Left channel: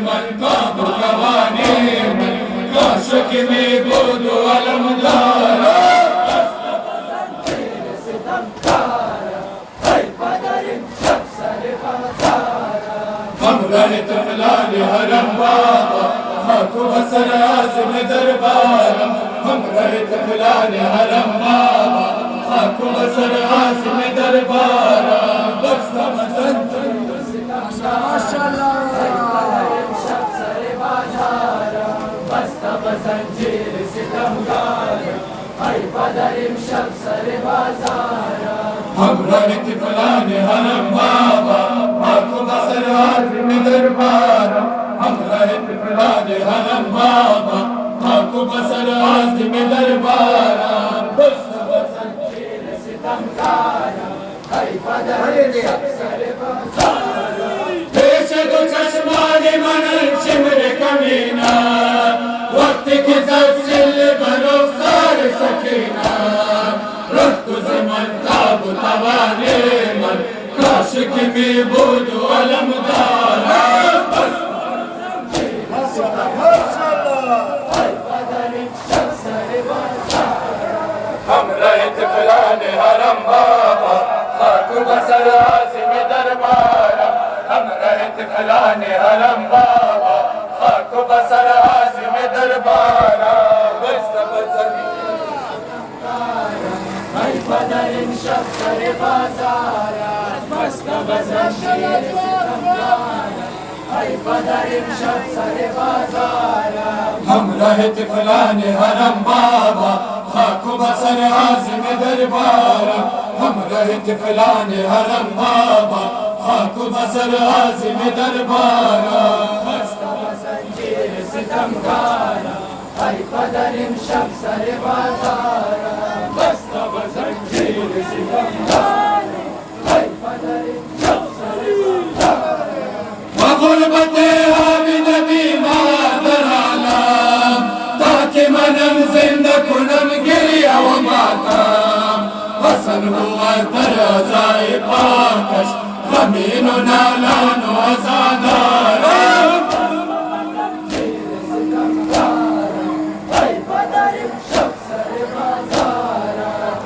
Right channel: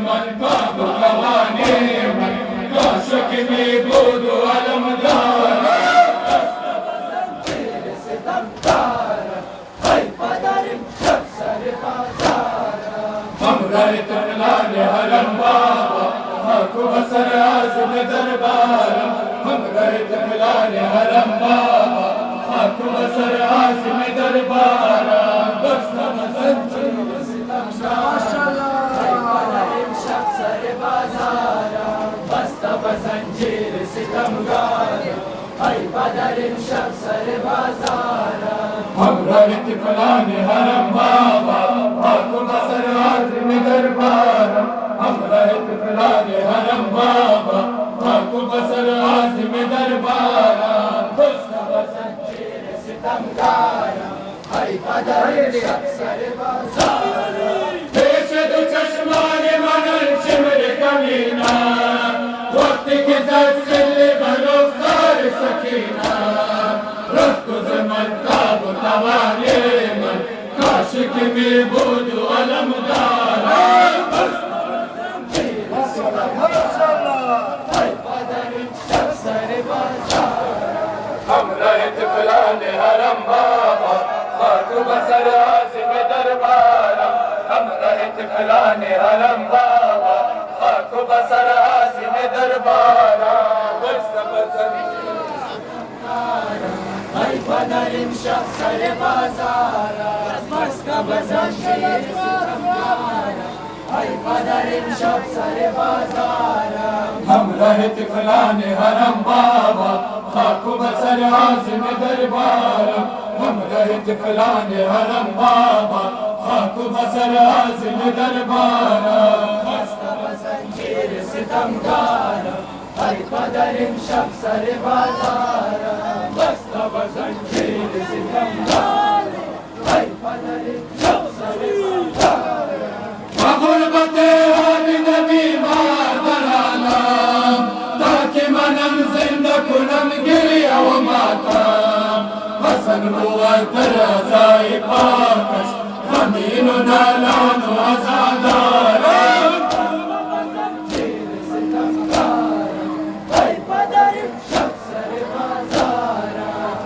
Man कवाने मन काशक में बोधो अलमदारा हम रहे तफलान हरम बाबा खाको बसर आज़म दरबार हम रहे तफलान हरम बाबा खाको बसर आज़म दरबार बस हम रहे तफलान हरम बाबा खाको बसर आज़म दरबार हम रहे तफलान हरम बाबा खाको बसर आज़म दरबार बस पेश दो चश्माने मनन शिमर कमीना वक्त के ज़िल भरो सार सकीना रफ्त ज़मान ताब तवाने मन काशिक में बोधो अलमदारा हम रहे तफलान हरम बाबा खाको बसर आज़म दरबार हम रहे तफलान हरम बाबा खाको बसर आज़म दरबार हम रहे तफलान हरम बाबा खाको बसर आज़म दरबार हम रहे तफलान हरम बाबा खाको बसर आज़म दरबार गुरबते आबिद बीमार दलालम ताकि मनम जिंदा कुनम गिरिया व मातम हसन हुआ तरज़ाए पाकश ज़मीन नालान व अज़ादारम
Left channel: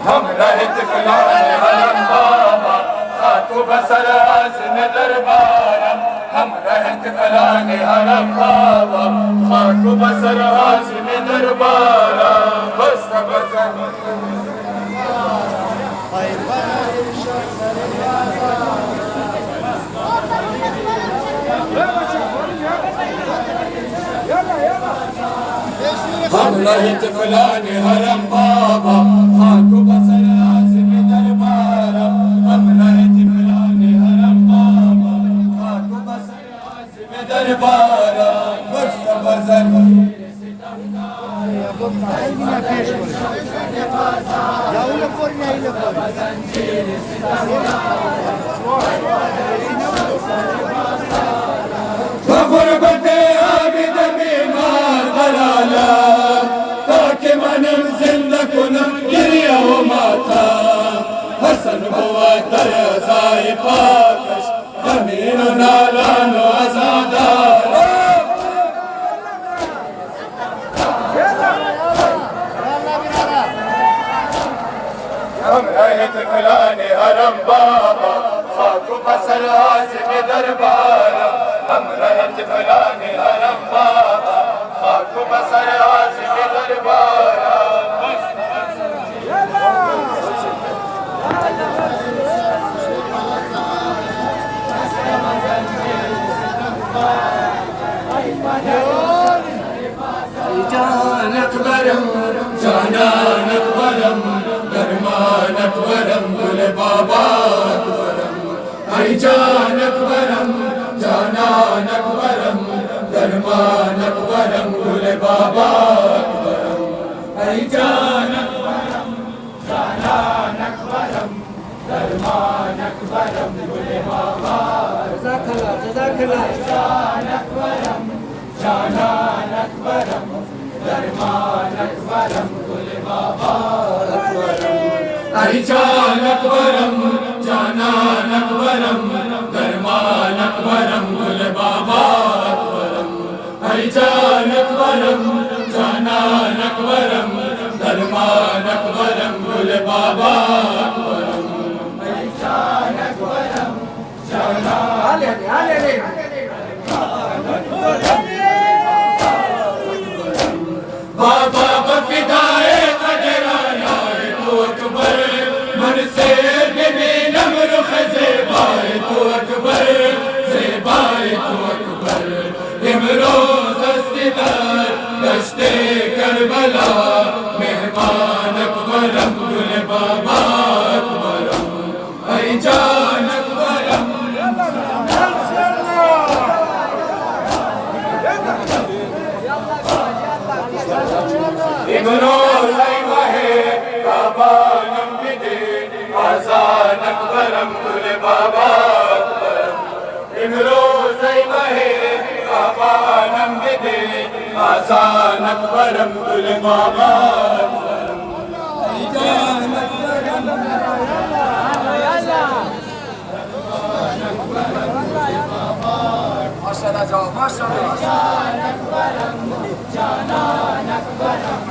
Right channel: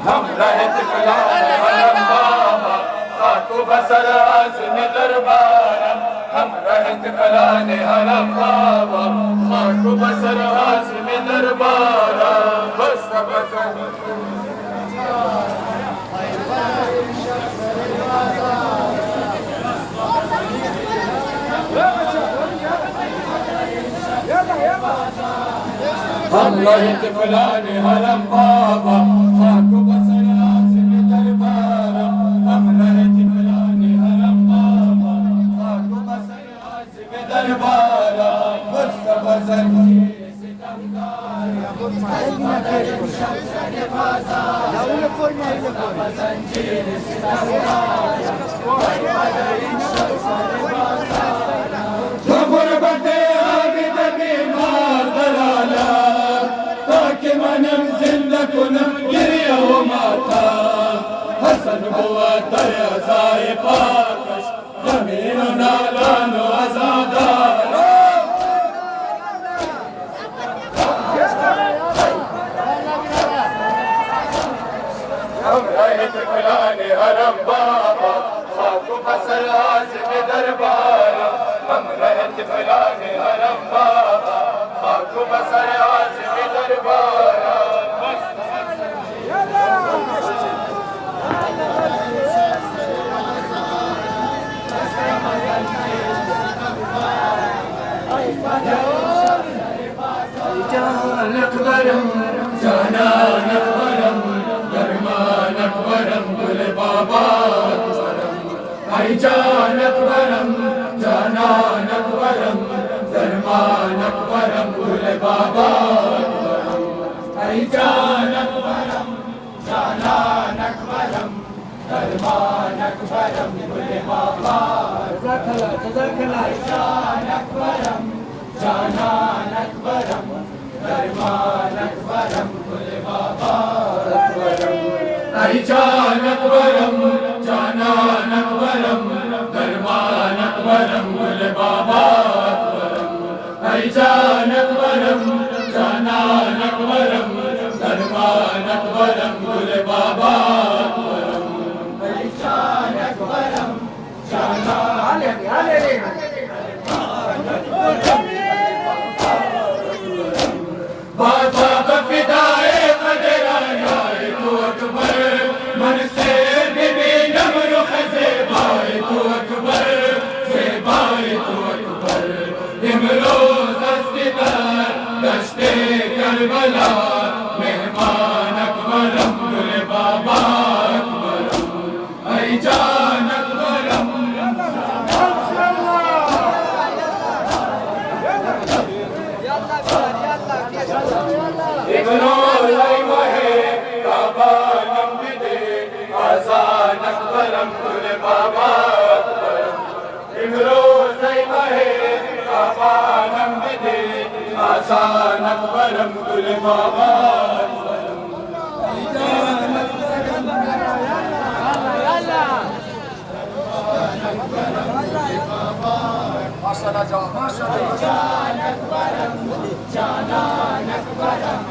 हम रहे तफलान हरम बाबा खाको बसर आज़म दरबार हम रहे तफलान हरम बाबा खाको बसर आज़म दरबार बस हम रहे तफलान हरम बाबा खाको बसर आज़म दरबार हम रहे तफलान हरम बाबा खाको बसर आज़म दरबार बस गुरबते आबिद बीमार दलालम ताकि मनम जिंदा कुनम गिरिया व माता हसन हुआ तरज़ाए पाकश ज़मीन नालान व अज़ादार हम रहे तफलान हरम बाबा खाको बसर आज़म दरबार हम रहे तफलान हरम बाबा खाको बसर आज़म दरबार जानक बरम जानक बरम दरमानक बरम गुल बाबा बरम आई जानक बरम जानक बरम दरमानक बरम गुल बाबा बरम आई जानक बरम जानक बरम दरमानक बरम गुल बाबा जज़ाकल्लाह जानक बरम जानक बरम दरमानक बरम गुल बाबा आई जानक बरम जानक बरम दरमानक बरम गुल बाबा ऐ जान अकबरम जानान अकबरम दरमान अकबरम गुल बाबा अकबरम ऐ जान अकबरम जानान बाबा बफिदाए कदराना तू अकबर मन से बिबी नमर ख़ज़ेबाए तू अकबर ज़ेबाए तू अकबर इमरोज़ अस्तिदार गश्ते करबला मेहमान अकबरम गुल बाबा अकबरम ऐ जान अकबरम इमरोज़ महे बाबा नम्बिदे आज़ान अकबरम गुल बाबा अकबरम इमरोज़ महे बाबा नम्बिदे आज़ान अकबरम गुल बाबा अकबरम ऐ जान अकबरम माशाअल्लाह जाओ माशाअल्लाह जान अकबरम जानान अकबरम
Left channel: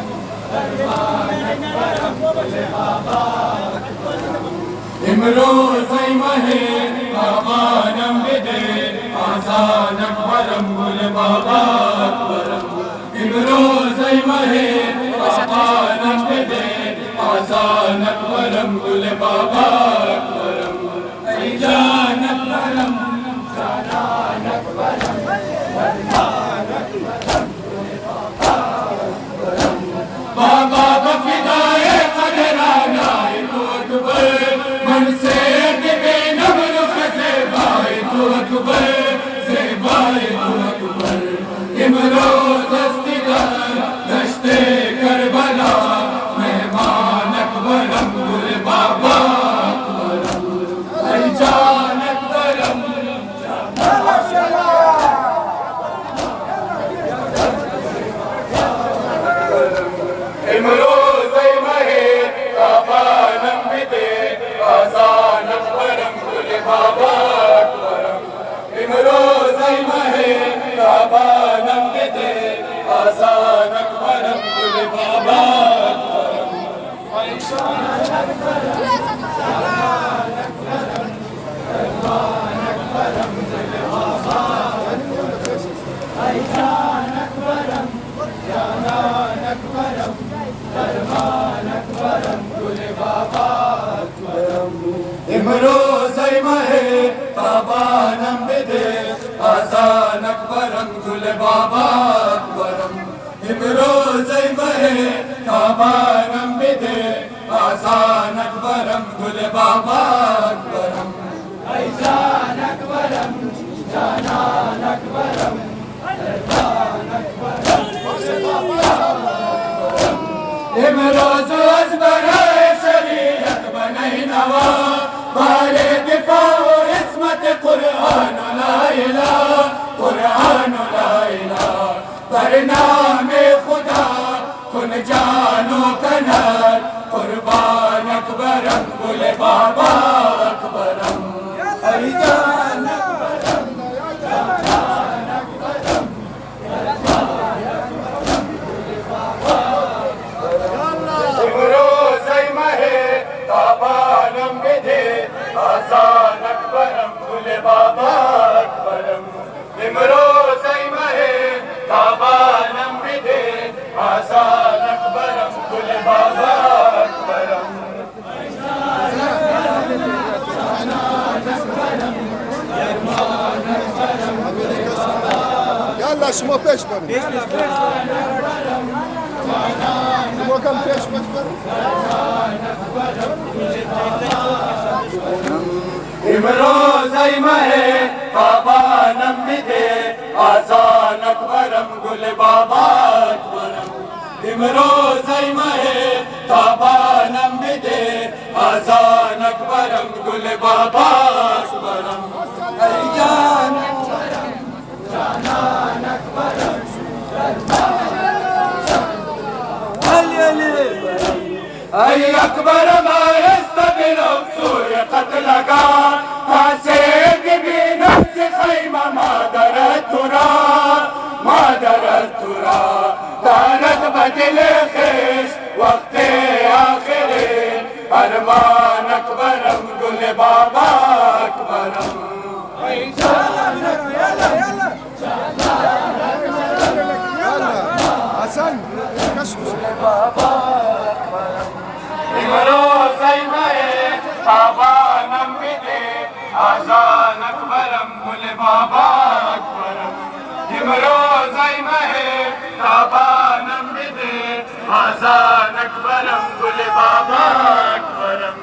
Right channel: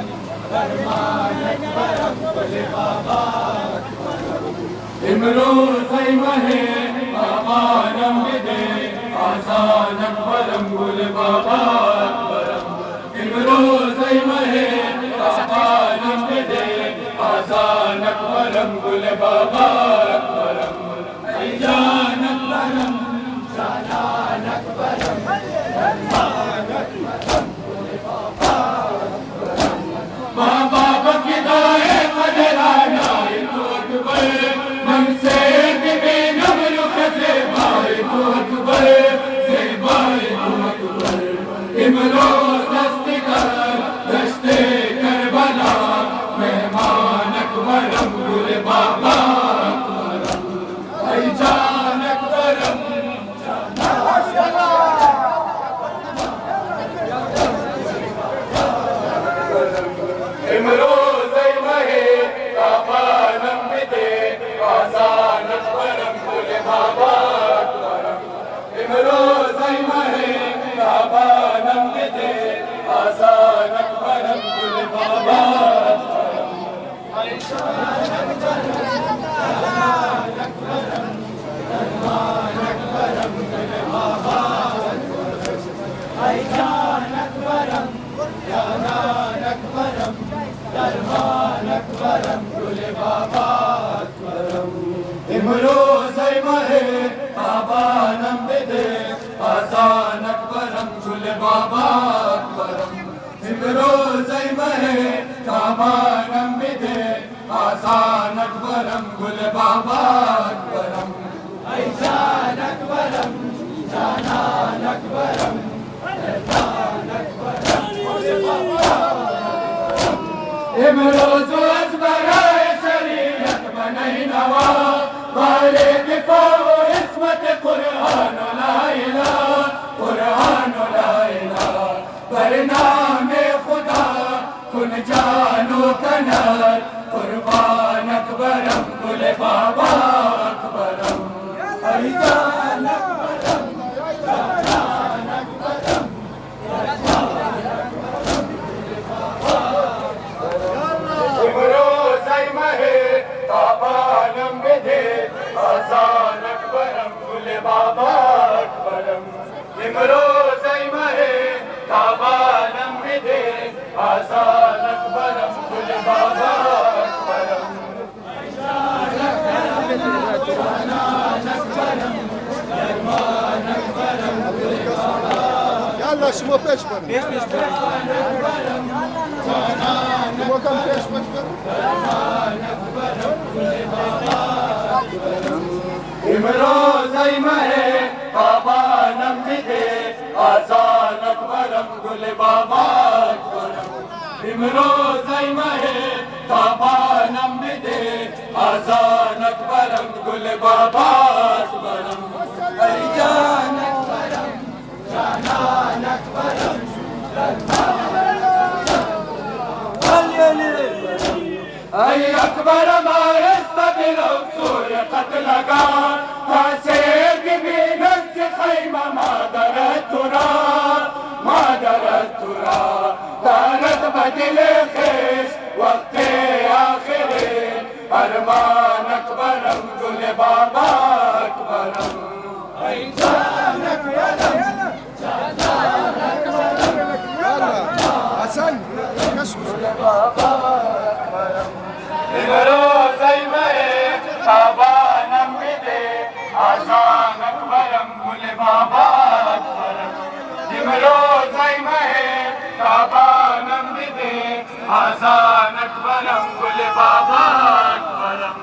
फरमान अकबरम गुल बाबा अकबरम इमरोज़ महे बाबा नम्बिदे आज़ान अकबरम गुल बाबा अकबरम इमरोज़ महे बाबा नम्बिदे आज़ान अकबरम गुल बाबा अकबरम ऐ जान अकबरम जानान अकबरम फरमान अकबरम गुल बाबा अकबरम बाबा बफिदाए कदराना तू अकबर मन से बिबी नमर ख़ज़ेबाए तू अकबर ज़ेबाए तू अकबर इमरोज़ अस्तिदार गश्ते करबला मेहमान अकबरम गुल बाबा अकबरम ऐ जान अकबरम इमरोज़ महे बाबा नम्बिदे आज़ान अकबरम गुल बाबा अकबरम इमरोज़ महे बाबा नम्बिदे आज़ान अकबरम गुल बाबा अकबरम ऐ जान अकबरम जानान अकबरम फरमान अकबरम गुल बाबा अकबरम ऐ जान अकबरम जानान अकबरम फरमान अकबरम गुल बाबा अकबरम इमरोज़ महे बाबा नम्बिदे आज़ान अकबरम गुल बाबा अकबरम इमरोज़ महे बाबा नम्बिदे आज़ान अकबरम गुल बाबा अकबरम ऐ जान अकबरम जानान अकबरम फरमान अकबरम गुल बाबा इमरोज़ बराए शरीयत बने नवा वाले दिफा व इस्मत कुरान ला इलाहा बरनामे खुदा कुन जानो कनर कुर्बान अकबरम गुल बाबा अकबरम ऐ जान अकबरम जानान अकबरम इमरोज़ महे बाबा नम्बिदे आज़ान अकबरम गुल बाबा अकबरम इमरोज़ महे बाबा नम्बिदे आज़ान अकबरम गुल बाबा अकबरम يلا شمو بيشبر شمو كم بيشبر इमरोज़ महे बाबा नम्बिदे आज़ान अकबरम गुल बाबा अकबरम इमरोज़ महे बाबा नम्बिदे आज़ान अकबरम गुल बाबा अकबरम ऐ जान अकबरम जानान अकबरम ऐ अकबरम आयस्तबिलो सूर्य कत लगा फासे बिबी नफ्स खैमा मादर तुरा مادر الترى دارت بدل خيش وقت آخرين أرمان أكبرم قل بابا أكبرم جانك يلا حسن كشف بابا أكبرم إمروز أيمه تابانم بده آزان أكبرم قل بابا أكبرم إمروز أيمه تابانم بده آزان أكبرم قل بابا أكبرم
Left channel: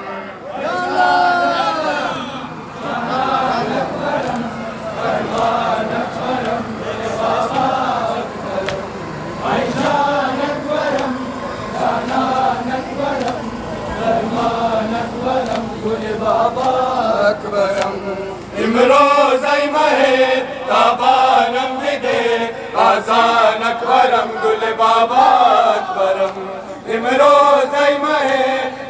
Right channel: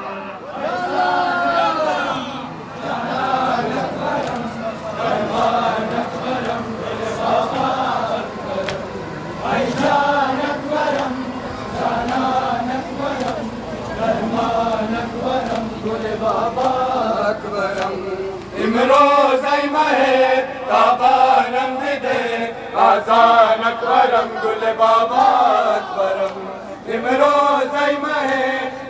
إمروز أيمه تابانم بده آزان أكبرم قل بابا أكبرم إمروز أيمه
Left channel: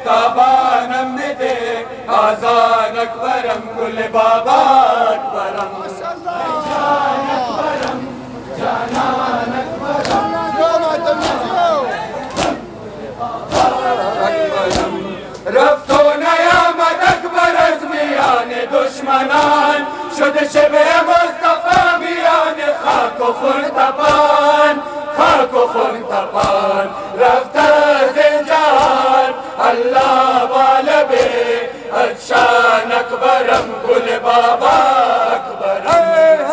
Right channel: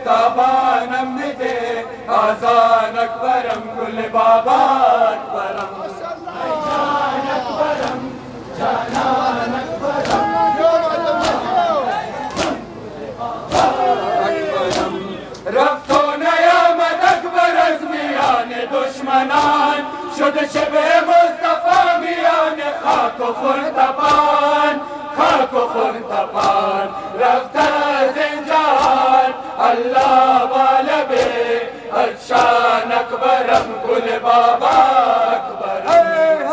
تابانم بده آزان أكبرم قل بابا أكبرم رفتون یامد اکبر از میان دشمنان شد شب مصطفی میان خاک و خون تپان خاک و خون تپان رفت از این جهان الله والبه از شان اکبرم گل بابا اکبرم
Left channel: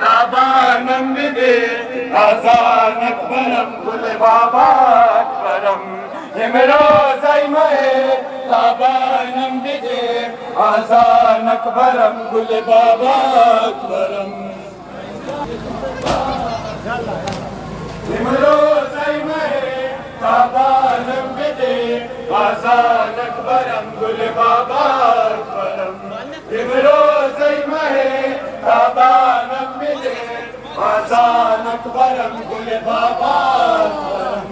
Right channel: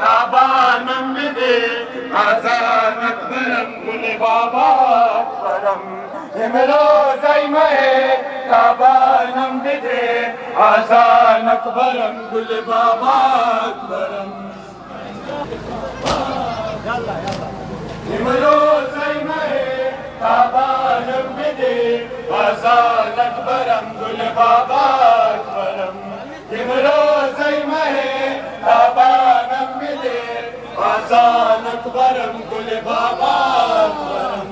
تابانم بده آزان اکبرم گل بابا اکبرم امروز ایمه تابانم بده آزان اکبرم گل بابا اکبرم امروز ایمه تابانم بده آزان اکبرم گل بابا اکبرم امروز ایمه تابانم بده آزان اکبرم گل بابا اکبرم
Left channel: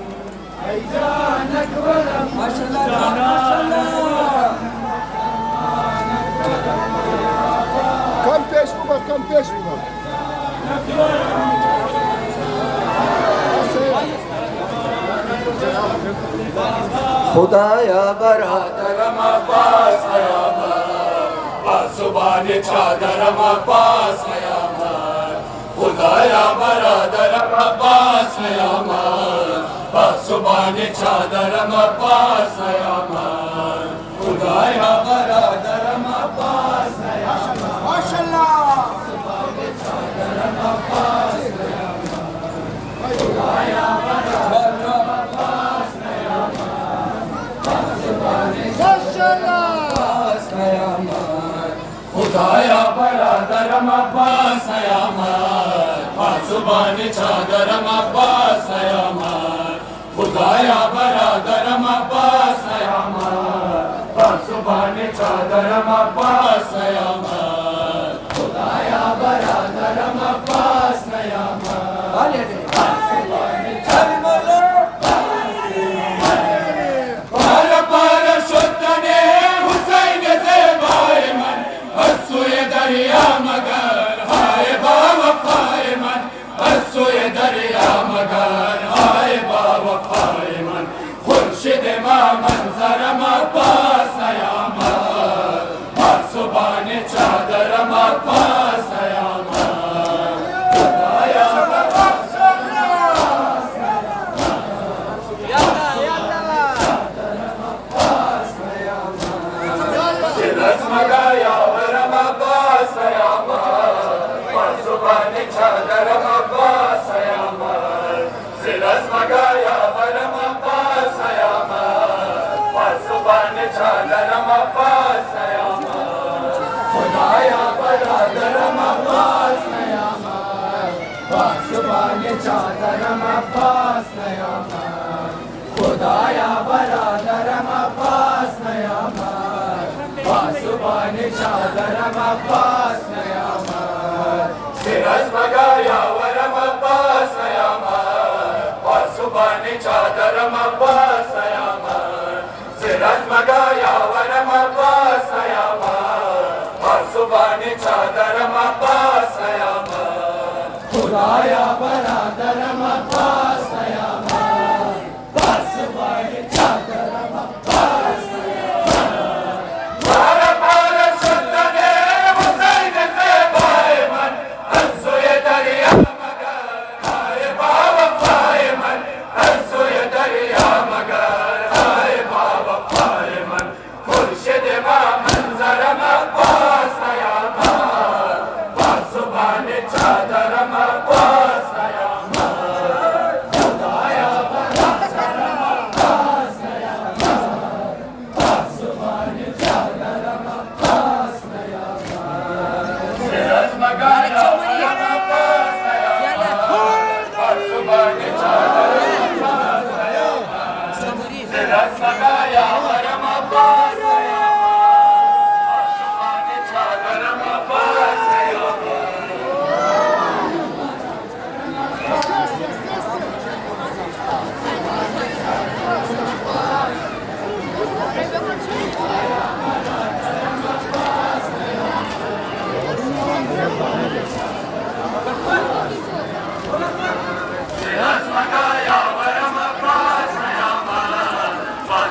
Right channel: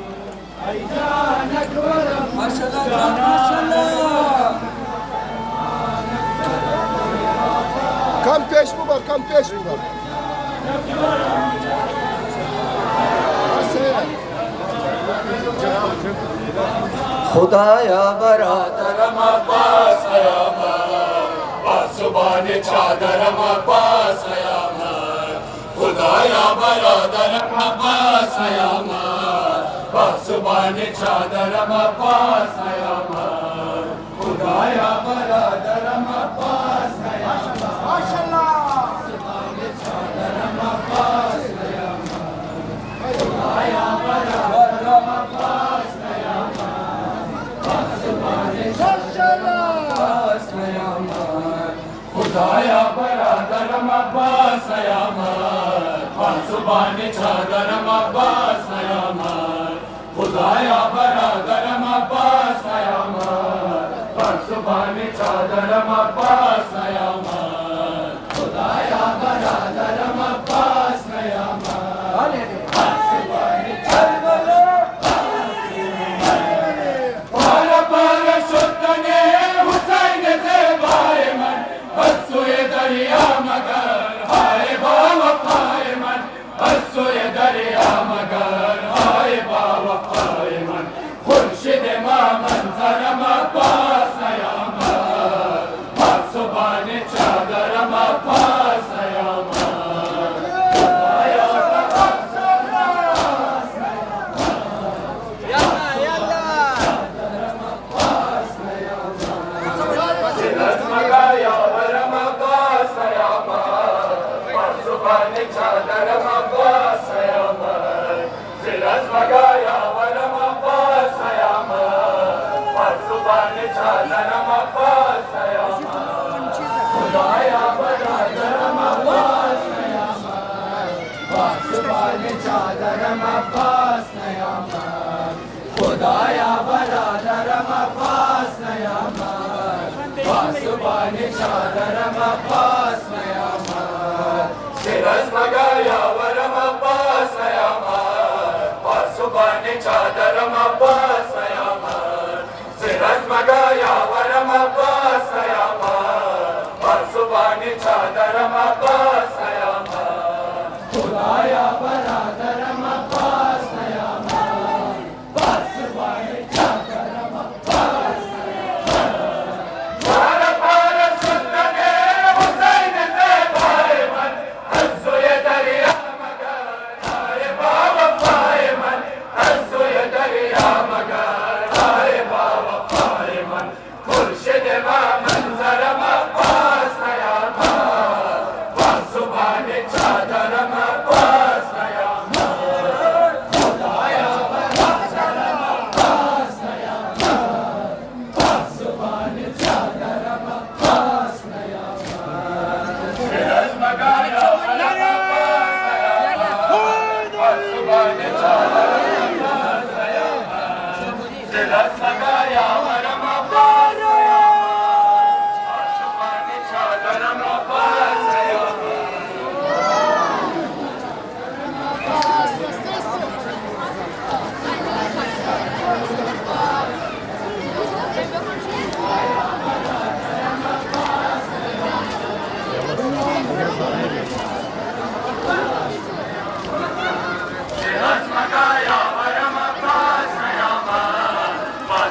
ای جان اکبرم ماشاءالله ماشاءالله كم بيش بابا كم بيش بابا خدایا برادرم عباس قیامت پاسبان چادرم عباس قیامت خدایا برادرم عباس قیامت پاسبان چادرم عباس قیامت خدایا برادرم عباس قیامت ماشاءالله چادرم عباس قیامت خدایا برادرم عباس خدایا برادرم عباس قیامت پاسبان چادرم عباس قیامت خدایا برادرم عباس قیامت پاسبان چادرم عباس قیامت خدایا برادرم عباس قیامت دریا مگر های با وفای من از سوی دریا مگر های با وفای من خورشید ما منظرم عباس قیامت پاسبان چادرم عباس قیامت خدایا عباس چادرم عباس نیامد خدایا برادرم عباس نیامد پاسبان چادرم عباس نیامد سر از مگا یاورم عباس نیامد پاسبان चादरम अब्बास यामान सिरज मगा यावरम अब्बास यामान बासुबानी चादरम अब्बास यामान खुदाया बरादरम अब्बास यामान बासुबानी चादरम अब्बास यामान बार बार सुल्ताने हुसैन से दायमन हंसुए दरिया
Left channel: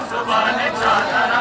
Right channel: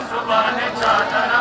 Subhane Chadara